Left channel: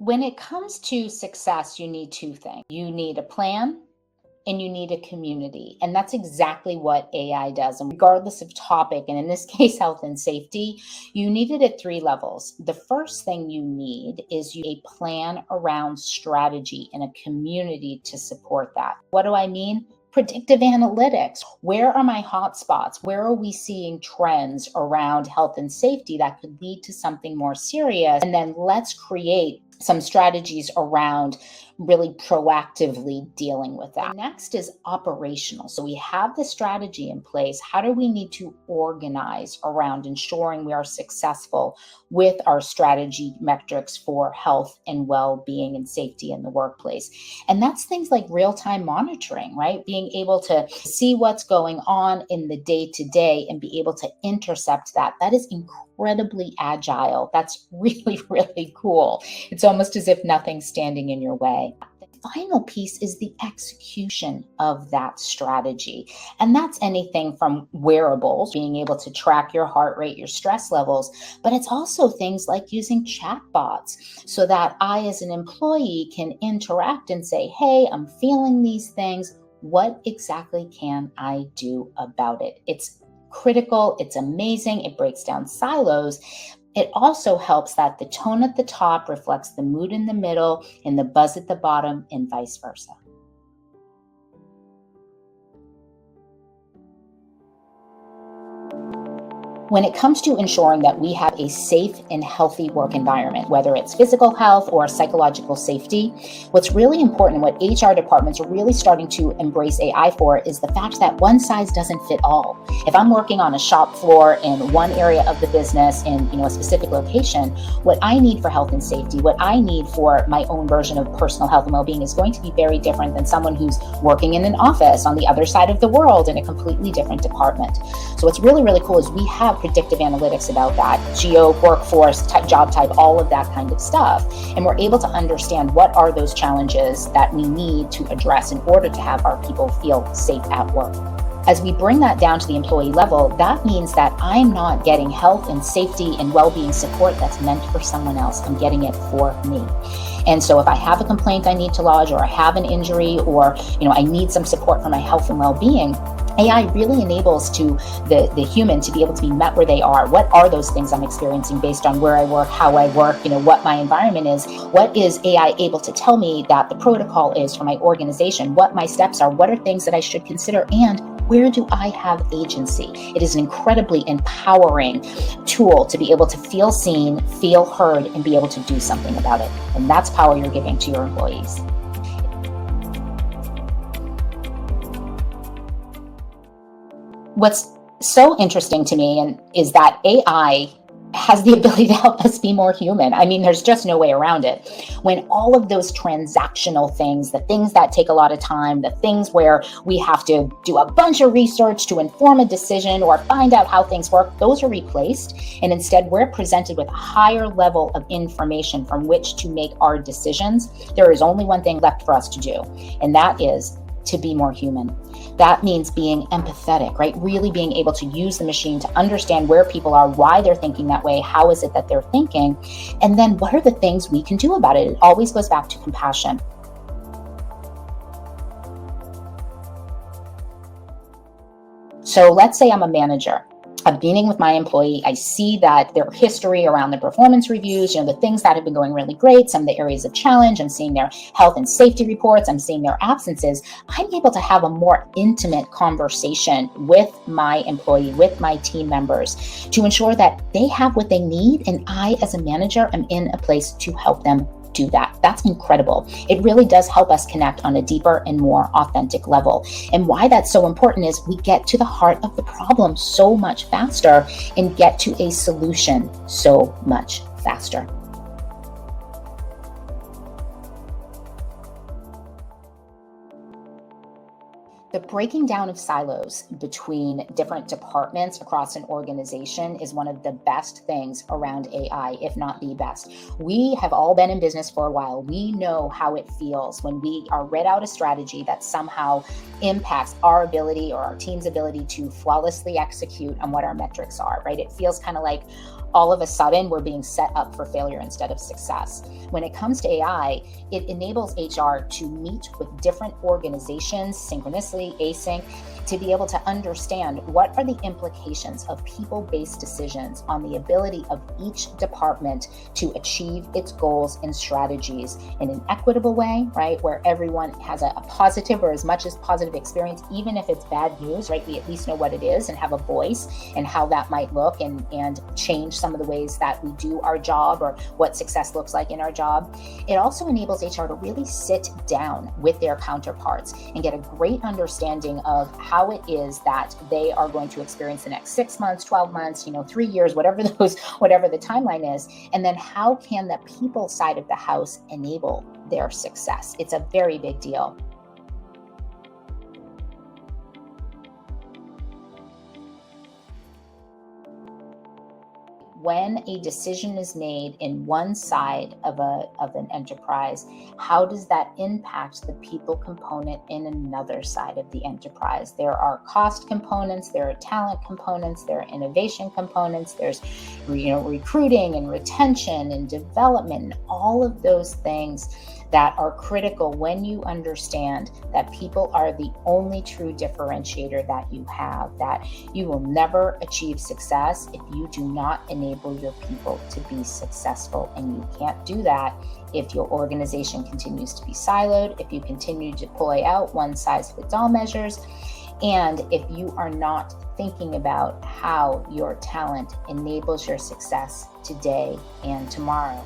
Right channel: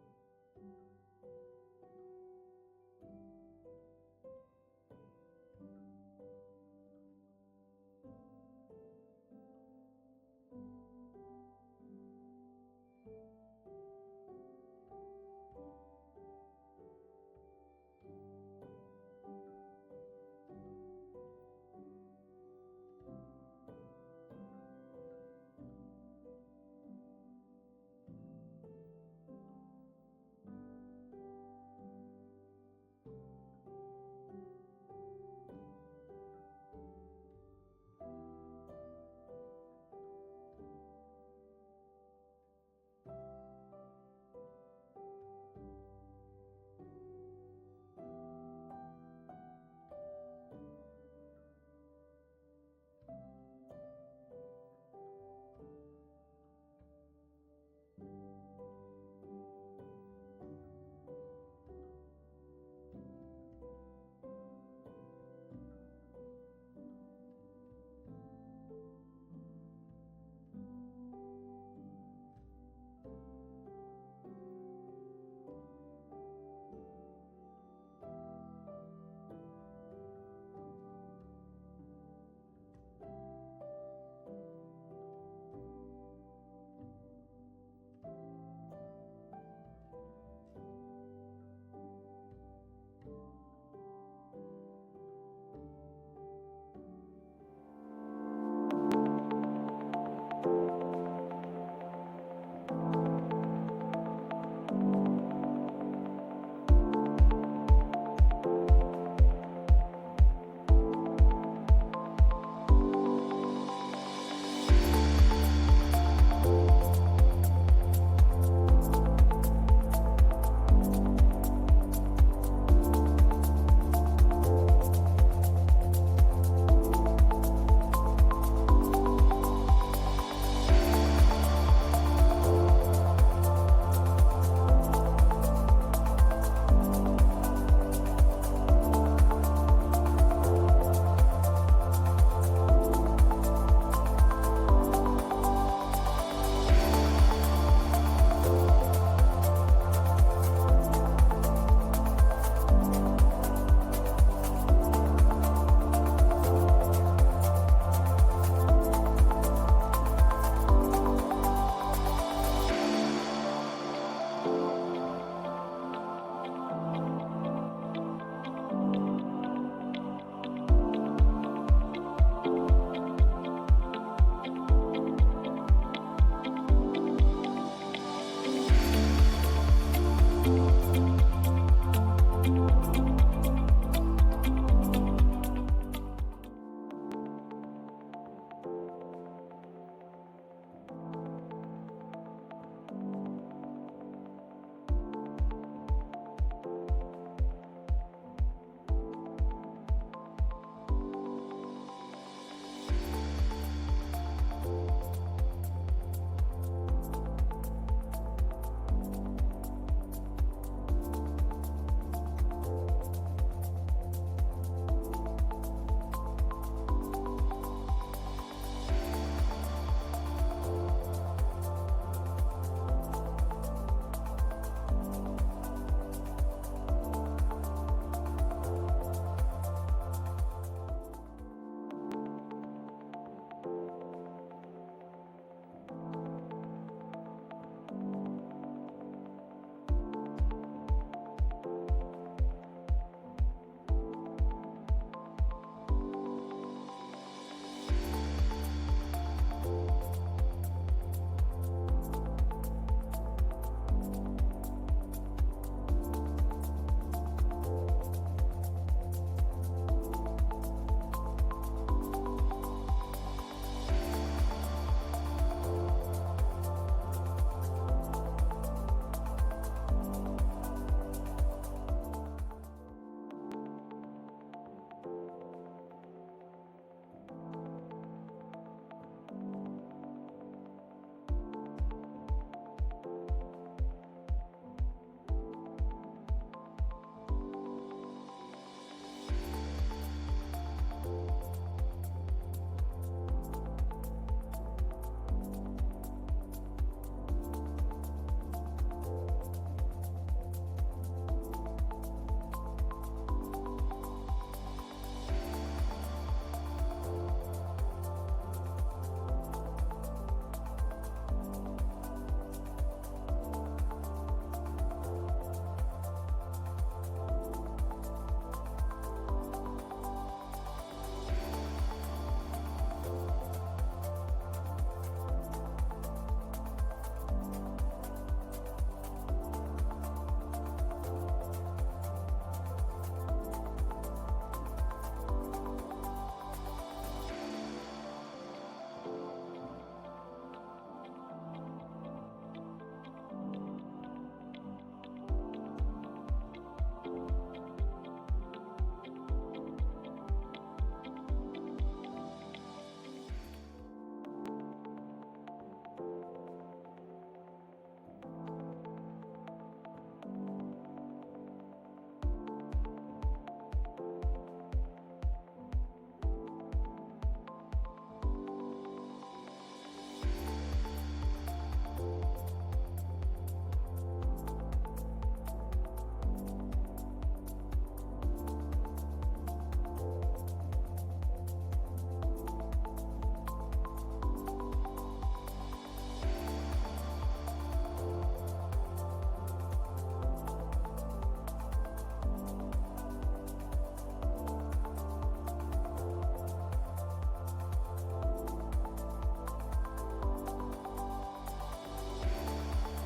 When it comes to success, you need two things. You need a plan and you need a community. And that's exactly what AI does. And regardless of topic, and in this case, health and safety, you need it at three levels. The first thing you need is a plan around strategy and a community to support that. What do I mean? Predictive analytics. Where are my hotspots? Where are we seeing trends around health and safety that could lead to something more serious? And then let's create some strategies around really proactively dealing with that. Next is operational. So we have the strategy in place. How do we need to organize around ensuring we are successful with our strategy metrics for health and well-being and safety in the workplace? And that's things like real-time monitoring, right? Being able to see what's going on in the day-to-day and be able to intercept that. That is incredibly agile. That's really, really cool. It's almost as if nothing's standing in your way. The final piece is the execution of that strategy. And that's anything from wearables, being able to track your heart rate, your stress levels, but it's also things like using chatbots so that I, as an employee, can interact and say, hey, I'm feeling these things. What exactly can I do about it? It's critical. It's amazing. It breaks down silos. It also helps that the tone at the top reflects the mood in the middle and the buzz at the bottom, and vice versa. When it comes to ensuring that we have a safe and healthy work environment, whether it's physical health or psychological safety, what's really important, what HR departments are really starting to embrace AI for, is the fact that one size doesn't fit all. If I'm working on a shop floor in one area of the business in a specific location, what I need for health and safety, what I need for my own version of personal health and well-being is going to be very different than someone who's working in an office on the other side of the world in a completely different department. So what's really, really cool is we have predictive analytics about that, geo, workforce, type, job type, all of that kind of stuff. And we're able to understand what are those challenges that we need to address in order to have our people feel safe at work. As we bring that down to the employee level, that means that I'm not getting health and safety and well-being support that's meant for someone else. I'm getting it for me. And so if I have a complaint I need to lodge, or I have an injury, or I need some support for my health and well-being, AI really enables to the human to be able to be met where they are. What are those things I'm experiencing based on where I work, how I work, what my environment is? What is AI able to tell me that the protocol is for my organization? What my steps are? What are things that I should consider? And where do I have agency? It is an incredibly empowering tool to be able to feel seen, feel heard, and be able to do something about it. And that's power you're giving to your employees. What's so interesting to me is that AI has the ability to help us be more human. I mean, there's just no way around it. When all of those transactional things, the things that take a lot of time, the things where we have to do a bunch of research to inform a decision or find out how things work, those are replaced. And instead, we're presented with a higher level of information from which to make our decisions. There is only one thing left for us to do, and that is to be more human. That means being empathetic, right? Really being able to use the machine to understand where people are, why they're thinking that way, how is it that they're thinking, and then what are the things we can do about it? It always goes back to compassion. So let's say I'm a manager. I'm meeting with my employee. I see that their history around the performance reviews, the things that have been going really great, some of the areas of challenge. I'm seeing their health and safety reports. I'm seeing their absences. I'm able to have a more intimate conversation with my employee, with my team members, to ensure that they have what they need. And I, as a manager, am in a place to help them do that. That's incredible. It really does help us connect on a deeper and more authentic level. And why that's so important is we get to the heart of the problem so much faster and get to a solution so much faster. The breaking down of silos between different departments across an organization is one of the best things around AI, if not the best. We have all been in business for a while. We know how it feels when we are read out a strategy that somehow impacts our ability or our team's ability to flawlessly execute on what our metrics are, right? It feels kind of like, all of a sudden we're being set up for failure instead of success. When it comes to AI, it enables HR to meet with different organizations synchronously, async, to be able to understand what are the implications of people-based decisions on the ability of each department to achieve its goals and strategies in an equitable way, right? Where everyone has a positive or as much as positive experience, even if it's bad news, right? We at least know what it is and have a voice and how that might look, and change some of the ways that we do our job or what success looks like in our job. It also enables HR to really sit down with their counterparts and get a great understanding of how it is that they are going to experience the next 6 months, 12 months, 3 years, whatever the timeline is. And then how can the people side of the house enable their success? It's a very big deal. When a decision is made in one side of an enterprise, how does that impact the people component in another side of the enterprise? There are cost components, there are talent components, there are innovation components, there's recruiting and retention and development, and all of those things that are critical when you understand that people are the only true differentiator that you have, that you will never achieve success if you do not enable your people to be successful. And you can't do that if your organization continues to be siloed, if you continue to deploy out one-size-fits-all measures, and if you are not thinking about how your talent enables your success today and tomorrow.